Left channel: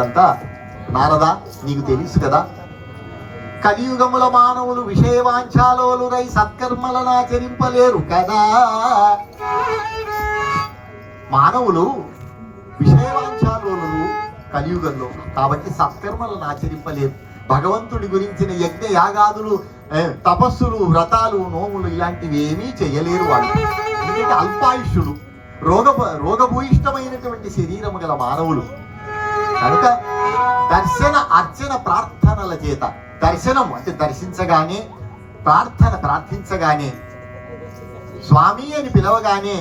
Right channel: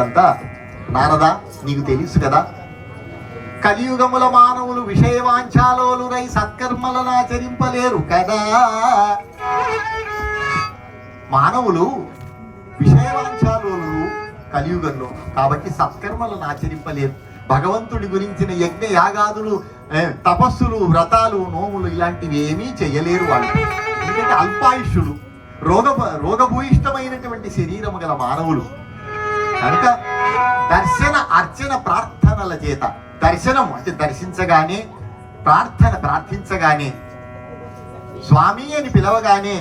అంతా నారదా, నీకు తెలుసు కదా, కలియుగముల మానవులు విషయవాంఛాలోలురై సత్కర్మలను ఆచరింపలేరు కదా. మానవులు విషయవాంఛాలోలు కలియుగంలో, కాబట్టి సత్కర్మలను ఆచరింపలేరు. భగవంతుడి గురించిన యజ్ఞ యాగాదులు, తపస్సులు, వ్రతాలు, నోములు ఇలాంటివి ఏమీ చేయలేరు వాళ్ళు. ఎందుకంటే అల్పాయుష్యులు, రోగభూయిష్టమైనటువంటి శరీరము గల మానవులు కనుక దర్శన అర్చన ప్రార్థనల చేత, దర్శనం అంటే దర్శించగానే, ప్రార్థించగానే, స్వామి అని పిలవగానే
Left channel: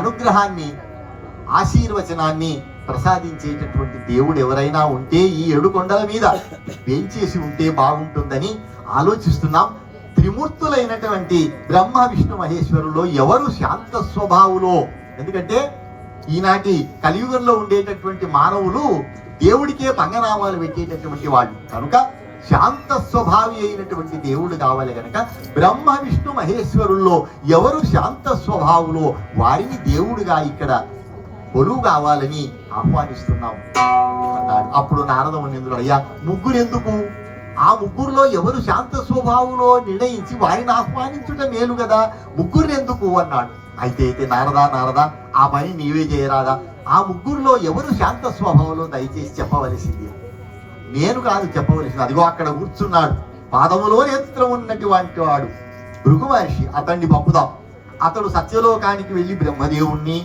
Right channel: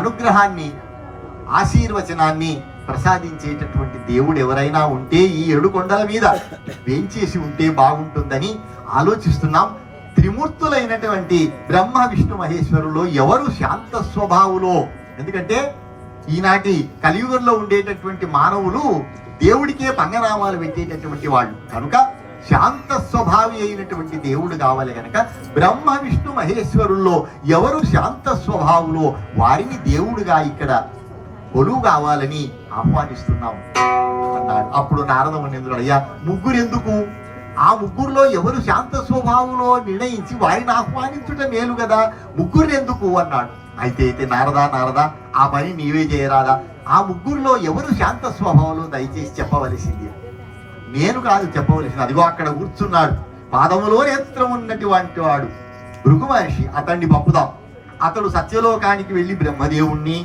అనుగ్రహాన్ని, ఆశీర్వచనాన్ని ప్రసాదించేటటువంటి దేవుడు ఎవరైనా ఉంటే ఈ 7 కొండల మీద వేంచేసి ఉంటే బాగుంటుందని ఆలోచిస్తున్నాం. త్రిమూర్తులైనటువంటి బ్రహ్మ విష్ణు మహేశ్వరులో ఎవరు శాంత స్వభావులో, ఎందుకంటే ఈనాటి కలియుగంలో ఉండేటటువంటి మానవులు దేవుడికే పంగనామాలు పెట్టేటటువంటి వాళ్ళు కనుక శాంత స్వభావి అయినటువంటి దేవుడు కావాలి కనుక బ్రహ్మ విష్ణు మహేశ్వరుల్లో ఎవరు శాంత స్వభావులో వారిని దేవుడుగా ఇక్కడ కొలువు కావాలని ఆహ్వానిస్తున్నాం అన్నాడు. అప్పుడు నారద మునీంద్రుడు, అయ్యా ముగ్గురు ఎందుకు, ఆ ముగ్గురులో ఎవరు శాంత స్వభావులో నిర్ణయించి వారిని ఆహ్వానించుట మేలు కదా, ముగ్గురు ఎందుకు అన్నాడు. అయితే నారదా, ఆ పని నీవే చేయరాదా, ఆ ముగ్గురులో ఎవరు శాంత స్వభావంలో దయచేసి చెప్పవలసింది. నేను కాదు చెప్పవలసింది, అదిగో అక్కడ కూర్చున్నాడు, పాదములో నేత్రం ఉన్నటువంటి వాడు భృగు మహర్షి, అతన్ని పంపుదాం. అతడు సత్యలోకానికి వెళ్ళి బ్రహ్మదేవుణ్ణి,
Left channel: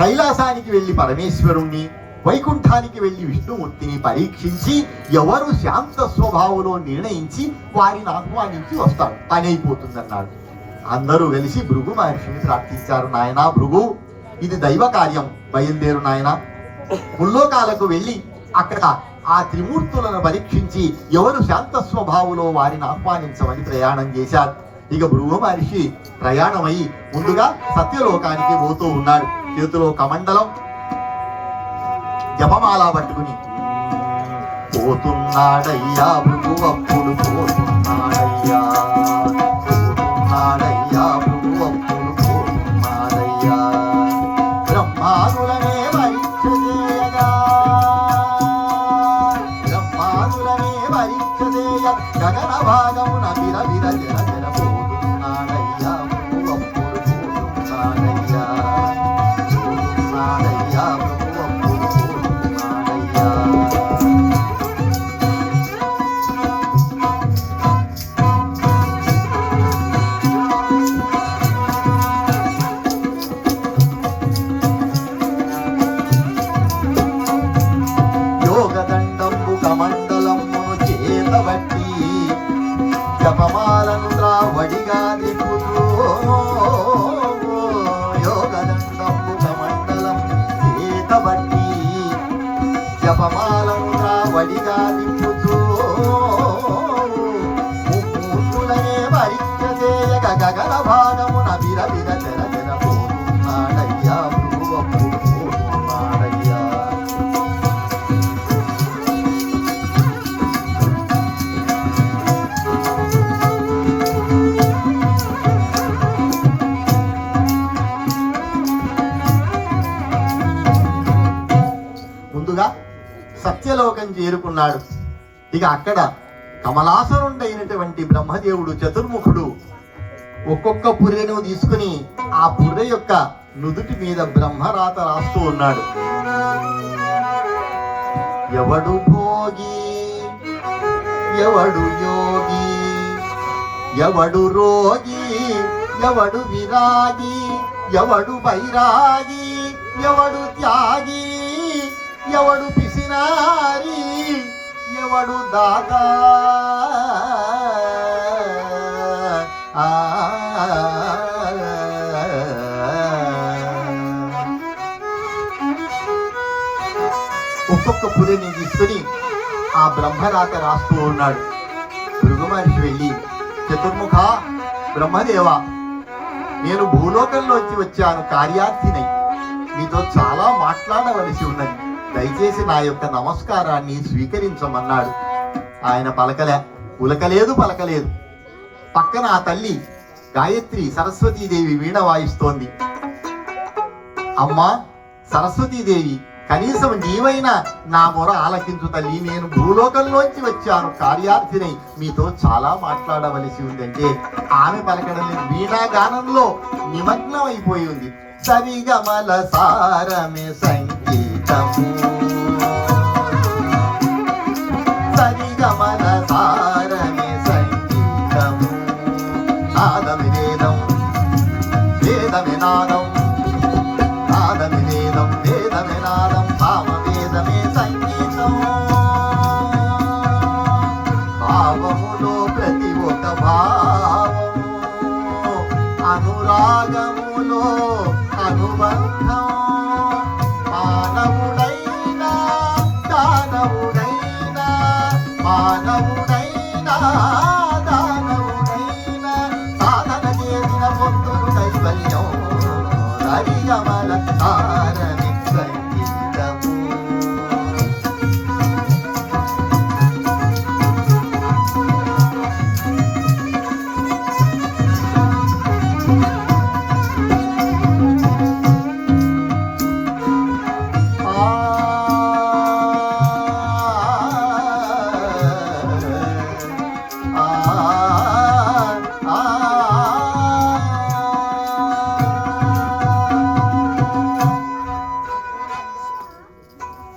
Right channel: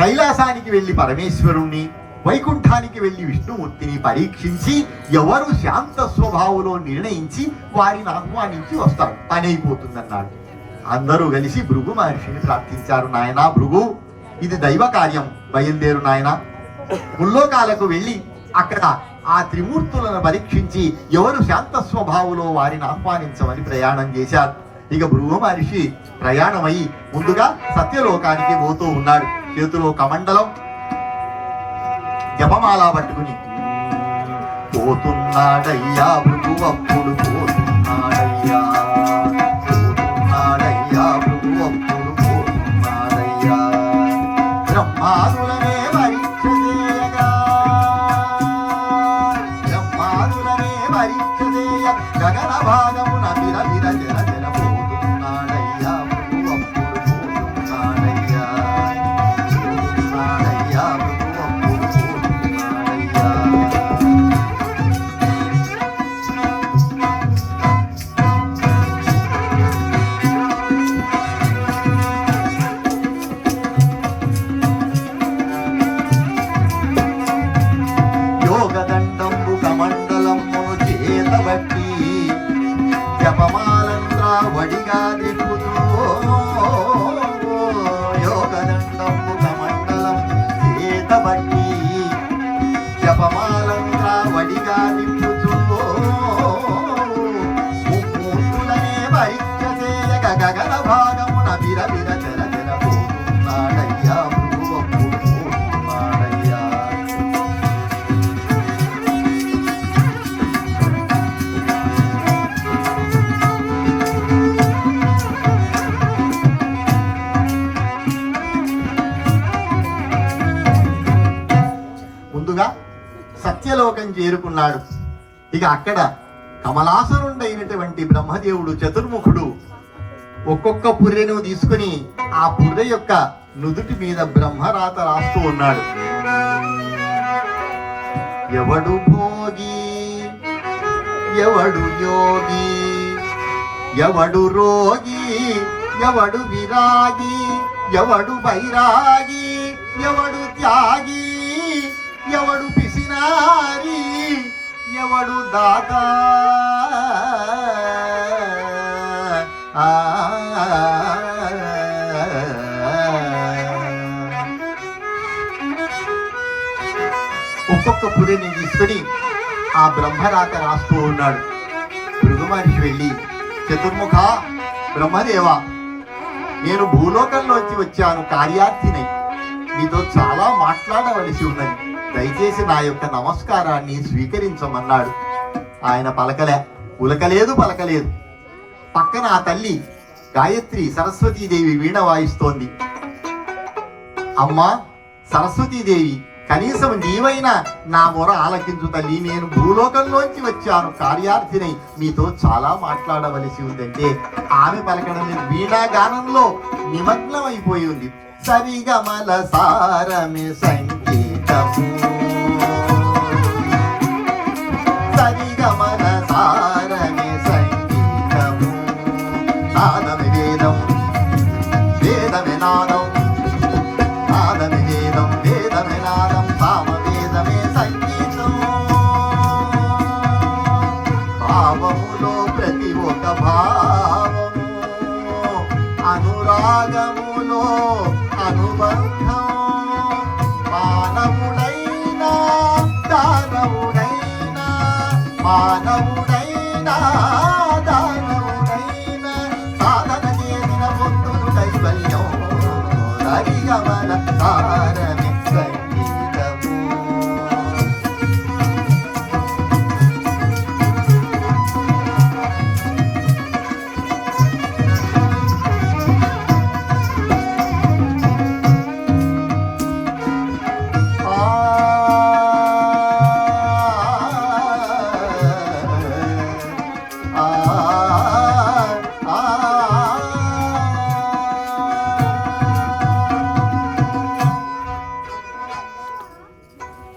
కైలాసానికి వెళ్ళి పరమేశ్వరుణ్ణి, వైకుంఠానికి వెళ్ళి విష్ణుమూర్తిని పరీక్షించి ఎవరు శాంత స్వభావంలో నిర్ణయించి వారిని ఆహ్వానించి వస్తాడు, పని అయిపోతుందన్నాడు. అందరూ కలిసి భృగు మహర్షిని ప్రార్థించారు. నాయనా భృగు, ఇది దైవ కార్యం, బయలుదేరు నాయన, ముల్లోకాలకు వెళ్ళి అక్కడ ఆ త్రిమూర్తులను పరీక్షించి ఎవరు శాంత స్వభావులో వారిని ఆహ్వానించమని ప్రయాణం చేశారు. ఇక భృగు మహర్షి ప్రయాణమై ముందుగా సత్యలోకానికి పోతూ ఉన్నాడు. చేతిలో కమండలం, జపమాల పట్టుకుని పోతున్నాడయ్యా భృగు, అప్పుడు పోతున్నాడయ్యా, బ్రహ్మాదులనే పరీక్ష చేయ గగన భాగమున విరవిర జల జల పోతున్నాడయ్యా భృగు, అప్పుడు పోతున్నాడయ్యా, భృగు, అప్పుడు పోతున్నాడయ్యా. యోగదండంబు కమండలమును చేతబట్టి జపమాలను త్రావడిగా దిక్కుతూ, యోగదండంబు కమండలం చేతబట్టి జపమాలను త్రావడిగా దిక్కుతూ, ముక్కులనే పరీక్ష చేయక గగన భాగమున విరవిర జల జల పోతున్నాడయ్యా భృగు, అప్పుడు పోతున్నాడయ్యా. ముందుగా సత్యలోకం చేరుకున్నాడు. ఇక అక్కడ కమలాసనుడైనటువంటి బ్రహ్మదేవుడు చతుర్ముఖుడు ఒక్కొక్క పుర్రెను తీసుకుని ఆ పుర్రె యొక్క నుదుటి మీద బ్రహ్మరాత రాస్తూ ఉన్నాడు. ఎవడు భోగి, ఎవడు యోగి, ఎవడు రోగి, ఎవడు విరాగి, ఎవడు బైరాగి, ఎవడు త్యాగి, ఎవడు పిసినారి, ఎవడు దాత, ఒక్కొక్క పురిని తీసుకుని ఆ బ్రహ్మరాత రాస్తూ ఉన్నాడు. భృగు మహర్షి వెళ్ళి, చతుర్ముఖ బ్రహ్మదేవ, నేను భూలోకంలోంచి వచ్చాను, కార్యార్థినై, నీతో చాలా మాట్లాడవలసి ఉన్నది, దయచేసి నా యొక్క నమస్కారాన్ని స్వీకరించమన్నాడు. ఆయన పలకలేదు. పక్కన ఆ తల్లి గాయత్రి సరస్వతీదేవి వీణ వాయిస్తోంది. అమ్మా సరస్వతీదేవి, కనీసం నీవైనా నా మొర ఆలకించు తల్లి, నేను భూలోకంలోంచి వచ్చాను కార్యార్థినై, మీతో చాలా మాట్లాడవలసి ఉందంటే ఆమె పలకడం లేదు. వీణాగానంలో నిమగ్నం అయిపోయి ఉంది. సరిగమల సారమే సంగీతము, సరిగమల సారమే సంగీతము, నాదమే వేదం వేదమే నాదం, నాదమే వేదం వేదమే నాదం, సామ వేదమే సంగీతం. భావములో ప్రతి ఒక భావము, అనురాగములో అనుబంధం, మానవుడైనా దానవుడైనా, మానవుడైనా దానవుడైనా, సాధన చేసిన పొందును కైవల్యం. హరిగమల తారమి సంగీతము.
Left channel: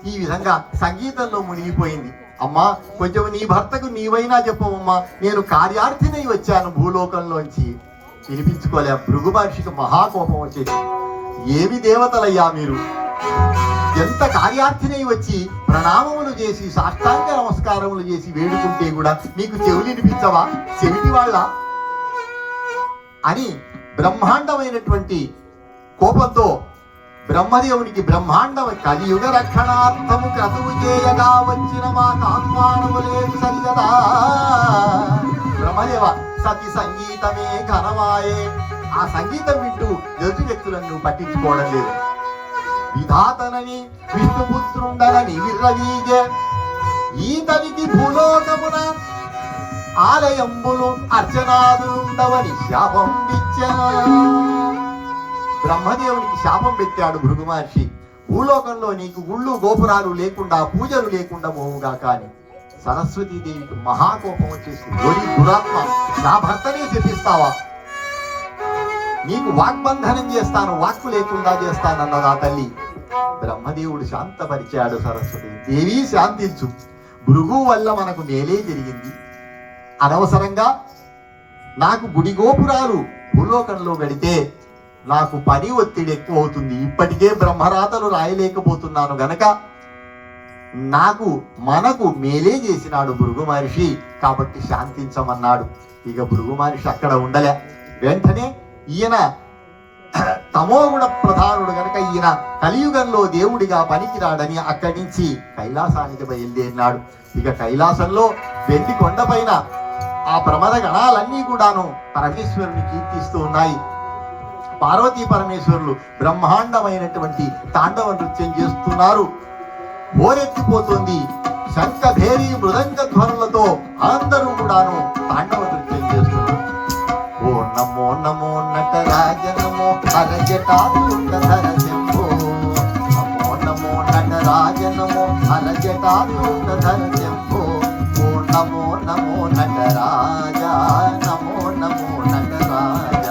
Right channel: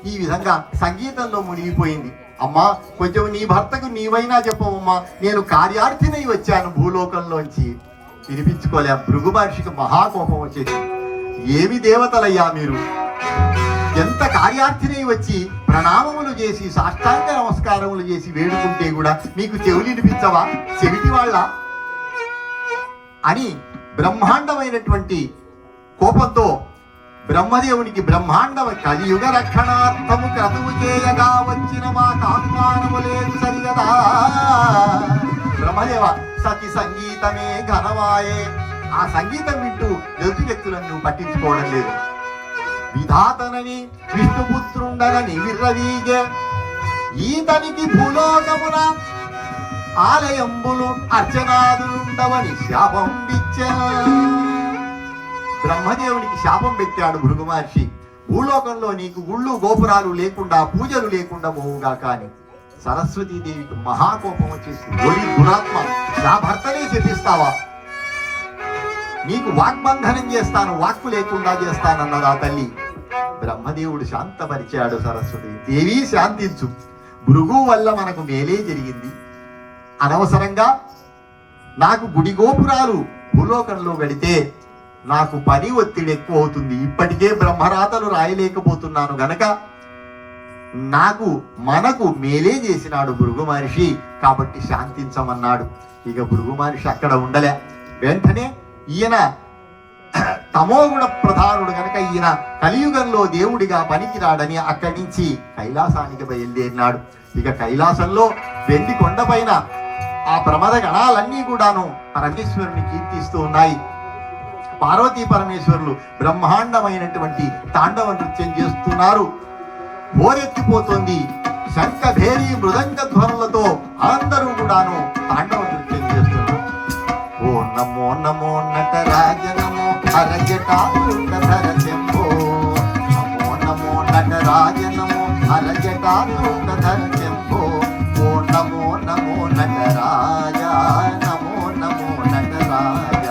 ఈ విధంగా సంగీతంలో మునిగిపోయింది. అమ్మా, కొంచెం నీ భర్తకు నీవైనా చెప్పవమ్మా, నేను కార్యార్థినై వచ్చాను భూలోకంలోంచి. వినిపించుకోలే. భృగు మహర్షికి మహాకోపం వచ్చేసి, ఏమి దేవతలయ్యా మీరు, ఎంత కార్యార్థినై వచ్చి ప్రణామములు చేసి సాష్టాంగ నమస్కారములు చేసి వేడుకుంటే కూడా మీకు చెవులు వినిపించవా, చెవిటి వాళ్ళ అని బ్రహ్మాండమైనటువంటి కోపంతో బ్రహ్మదేవునికి బ్రహ్మాండం కలియుగ రక్షణార్థము క్రతువు చేయగా వచ్చిన మా కాహ్వానము లేదు సరియదా. బ్రహ్మదేవ, సతి సంగీతమే ఘనమాయే. ఆ సంగీతం వింటూ ఎదుటి వ్యక్తులను నువ్వు పట్టించుకోవడం లేదు. విధాతనని విష్ణుపుత్రుండనని విర్రవీగే, ఈతనికి భూలోకమున ఆలయంబులు అర్చనాదులుండవని శాపం ఇచ్చా. బ్రహ్మదేవునికి శాపం పెట్టాడు భృగు మహర్షి, భూలోకంలో నీకు గుళ్ళు గోపురాలు లేకుండా పూజలు లేకుండా పోవుగా. కానీ సరస్వతీదేవికి మహాకోపం వచ్చేసింది. ఒడి దురాత్మ, నా భర్తనే చెప్పిస్తావా, నీకు వాగ్బంధనం చేస్తాను, వాక్కు లేకుండా చేస్తానన్నదా తల్లి. బ్రహ్మదేవుడు శాంతపరిచాడు. సరస్వతి దేవి శాంతించు, భృగు వల్ల మనకు మేలే జరిగింది. అనవసరంగా నాకు గుడి గోపురాలు భూలోకంలో పెడితే నాకు పని ఒత్తిడి ఎక్కువ అవుతుంది. ఇప్పటికే బ్రహ్మరాతలు రాయలేకపోతున్నాను గనక మనకు మేలే చేసినాడు భృగు మహర్షి, కాబట్టి శాంతించమన్నాడు. ఇక భృగు మహర్షి అక్కడ ఉండలే. వెంటనే ఈయన తమోగుణ ప్రధానుడు గనక ఈయన కలియుగంలో దేవుడిగా పనికిరాడని అక్కడి నుంచి కైలాసానికి బయలుదేరినాడు. ఇక కైలాసంలో వెండి కొండపైన ఆ ప్రమద గణాలన్నీ కూడాను పరమేశ్వరుని కీర్తిస్తూ ఉన్నాయి. పార్వతీ పరమేశ్వరులు బ్రహ్మాండమైనటువంటి తాండవ నృత్యం చేస్తున్నారు. హోరెత్తిపోతుంది. శంఖ భేరీ మృదంగ ధ్వనులతో అందరూ కూడాను తాండవ నృత్యం చేస్తున్నారు. ఓ నమో నమో నటరాజ నమో హరజటాధర శంభో, నమో నమో నటరాజ నమో హరజటాధర శంభో, ఓ నమో నమో నటరాజ నమో నమో నటరాజ.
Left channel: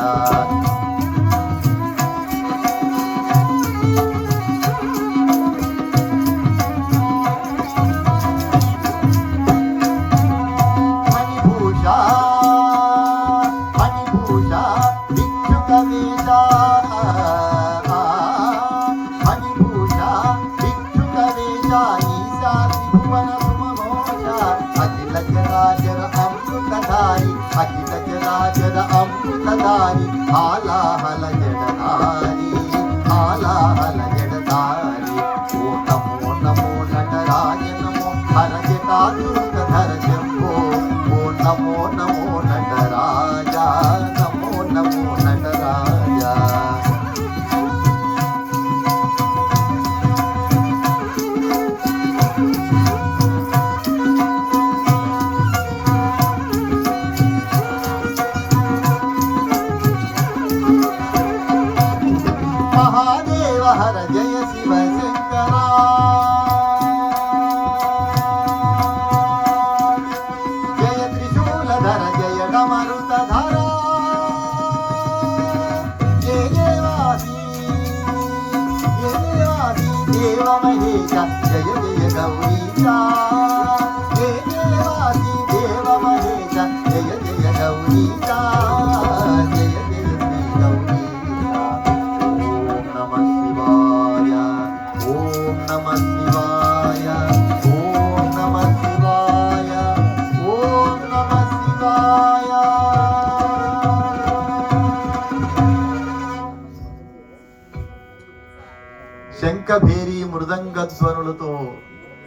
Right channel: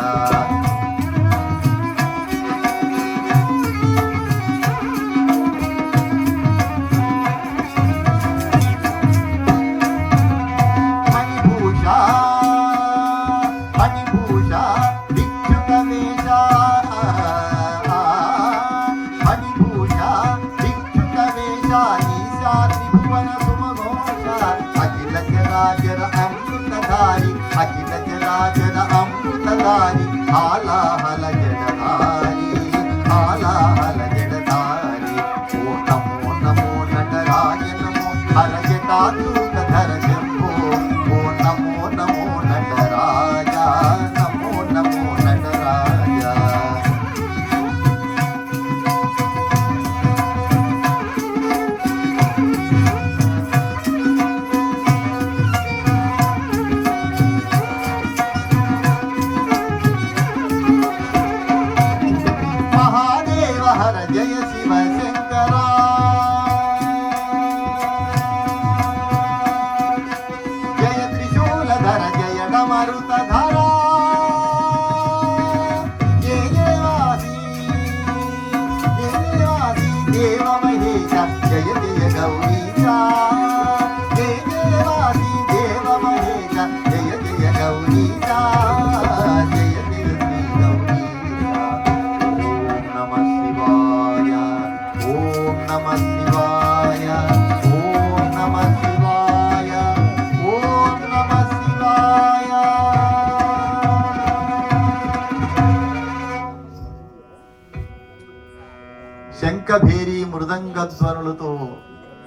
భేరీ మృదంగ ధ్వనులతో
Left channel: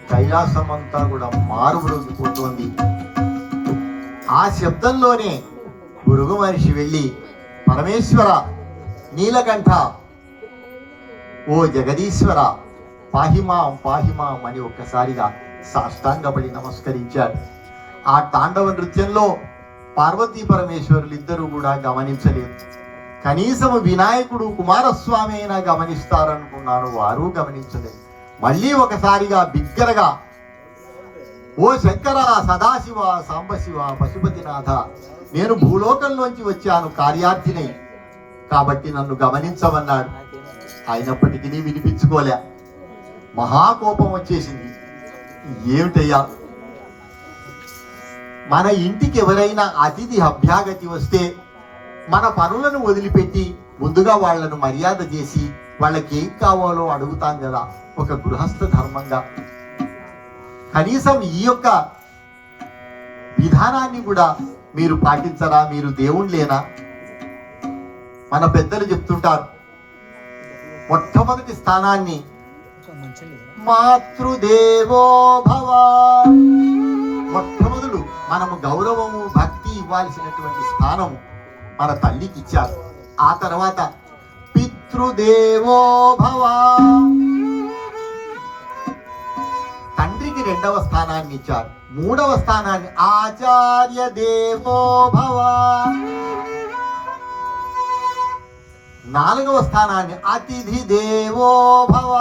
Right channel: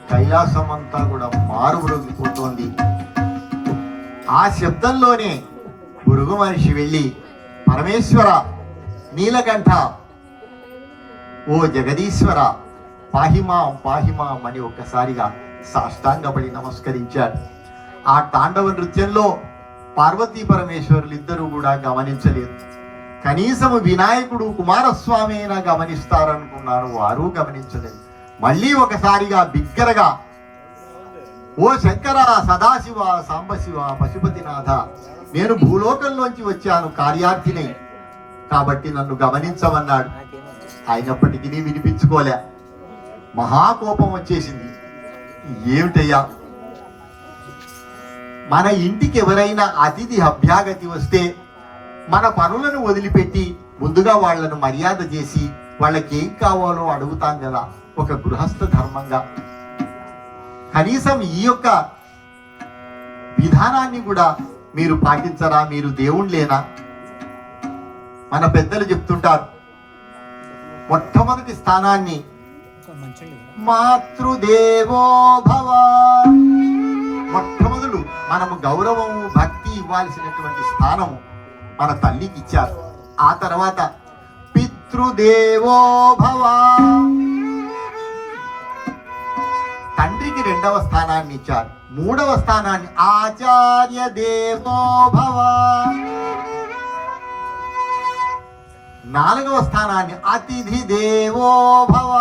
కైలాసం అంతా కూడా మారుమ్రోగిపోతోంది. ఆ శబ్దంలోనే భృగు మహర్షి వెళ్ళి, పరమేశ్వర, నీలకంఠ, ఓ జగదీశ్వర, పాహిమాం పాహిమాం అని ఒక్కసారిగా సాష్టాంగపడి నమస్కరించాడు. ఆ తాండవ నృత్యంలో పార్వతీ పరమేశ్వరులు ఇద్దరు కూడా గమనించలేదు. కనీసం వినాయకుడు కుమారస్వామి అయినా గమనిస్తారనుకున్నారు, వారు గమనించలేదు. మళ్ళీ ఒకసారిగా బిగ్గరగా, ఓ శంకర, సదాశివ, సాంబశివ, పశుపతినాథ, నేను భూలోకంలోంచి వచ్చాను కార్యార్థిని, కాబట్టి నన్ను గమనించమన్నాడు. అయినప్పటికీ వినిపించుకోలే. మహాకోపం వచ్చేసింది. ఏమిటయ్యా, మన ఇంటికి ఎవరైనా అతిథి అభ్యాగతి వస్తే మన పనులను వదిలిపెట్టి ముందుగా వాళ్లను మర్యాద చేసి వాళ్ళకి ఏం కావాలో అడుగుతాం కదా, ఒక గృహస్థ ధర్మంగా. కనీసం ఈ యొక్క విధానాన్ని కూడా మీరు పాటించరా? మీరు దేవుళ్ళేనా? మన పెద్దలు చెప్తుంటారు, మొట్టమొదటి స్థానాన్ని మాతృదేవో భవ, మొట్టమొదలు మనము గౌరవము భక్తి ఇవ్వాల్సినటువంటి స్థానము మన తల్లికి ఇచ్చారు. ఆ తర్వాత పితృదేవో భవ, తండ్రికి రెండవ స్థానాన్ని ఇచ్చారు. మూడవ స్థానాన్ని ఆచార్య దేవో భవ, నాలుగవ స్థానాన్ని అతిథి దేవో భవ.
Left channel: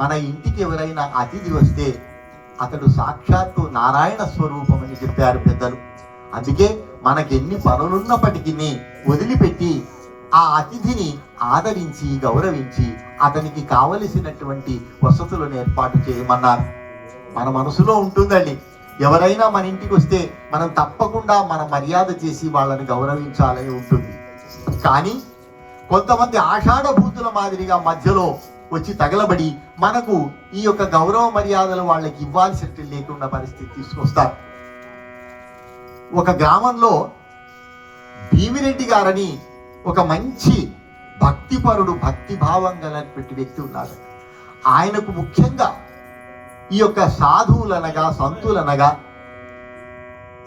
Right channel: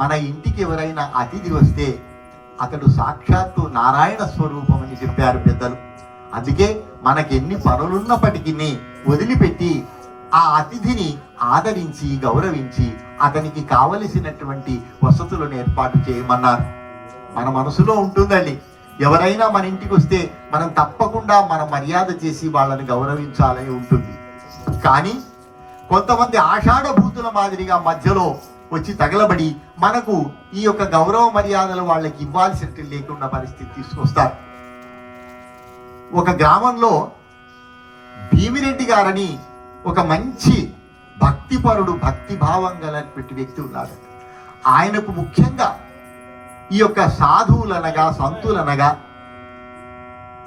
మన ఇంటికి ఎవరైనా అతిథి వస్తే అతడు సాక్షాత్తు నారాయణ స్వరూపం అని చెప్పారు పెద్దలు. అందుకే మనకి ఎన్ని పనులున్నప్పటికీ వదిలిపెట్టి ఆ అతిథిని ఆదరించి గౌరవించి అతనికి కావలసినటువంటి వసతులను ఏర్పాటు చేయమన్నారు. మన మనసులో ఉంటుందండి, ఎవరైనా మన ఇంటికి వస్తే మనం తప్పకుండా మన మర్యాద చేసి వాళ్ళని గౌరవించాలని ఉంటుంది. కానీ కొంతమంది ఆషాఢభూతుల మాదిరిగా మధ్యలో వచ్చి తగలబడి మనకు ఈ యొక్క గౌరవ మర్యాదలు వాళ్ళకి ఇవ్వాల్సినట్టు లేకుండా పరిస్థితి తీసుకొస్తారు. ఒక గ్రామంలో భీమిరెడ్డి గారని ఒక మంచి భక్తిపరుడు, భక్తిభావం గలటువంటి వ్యక్తి ఉన్నాడు. ఆయనకు ముఖ్యంగా ఈ యొక్క సాధువులనగా సంతులనగా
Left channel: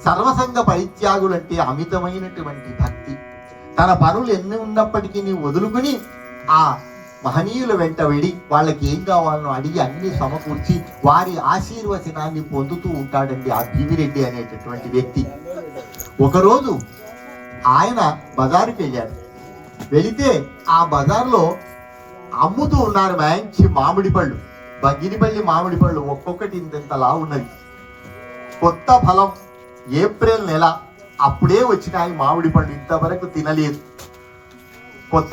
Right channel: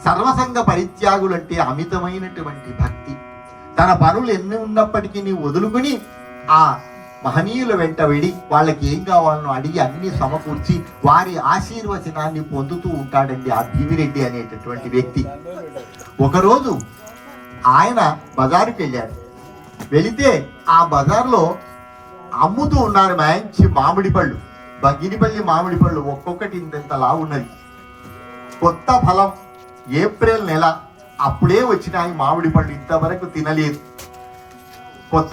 సర్వసంగ పరిత్యాగులంటే అమితమైనటువంటి భక్తి. తన పనులు ఎన్ని ఉన్నప్పటికీ వదులుకుని ఆ మహనీయుల వెంట వెళ్ళి వాళ్ళకి ఏం కావాలో అడిగి అన్ని సమకూర్చి వారి ఆశీర్వచనాన్ని పొందుతూ ఉంటాడండి ఆ భీమిరెడ్డి అనేటటువంటి వ్యక్తి. ఒకరోజు ఆయన బజారుకి వెళ్ళాడు. వెళితే ఆ బజార్లో అమ్ముతూ ఉన్నారు మంచి మామిడి పళ్ళు, బగిరిపల్లి మామిడి పళ్ళు, ఒక్కొక్కటి ఇంతలా ఉన్నది. కొత్త ఫలం, ఏప్రిల్ నెల, అప్పుడే వచ్చినాయి మామిడి పళ్ళు, ఇంతవరకు తినలేదు. కొత్త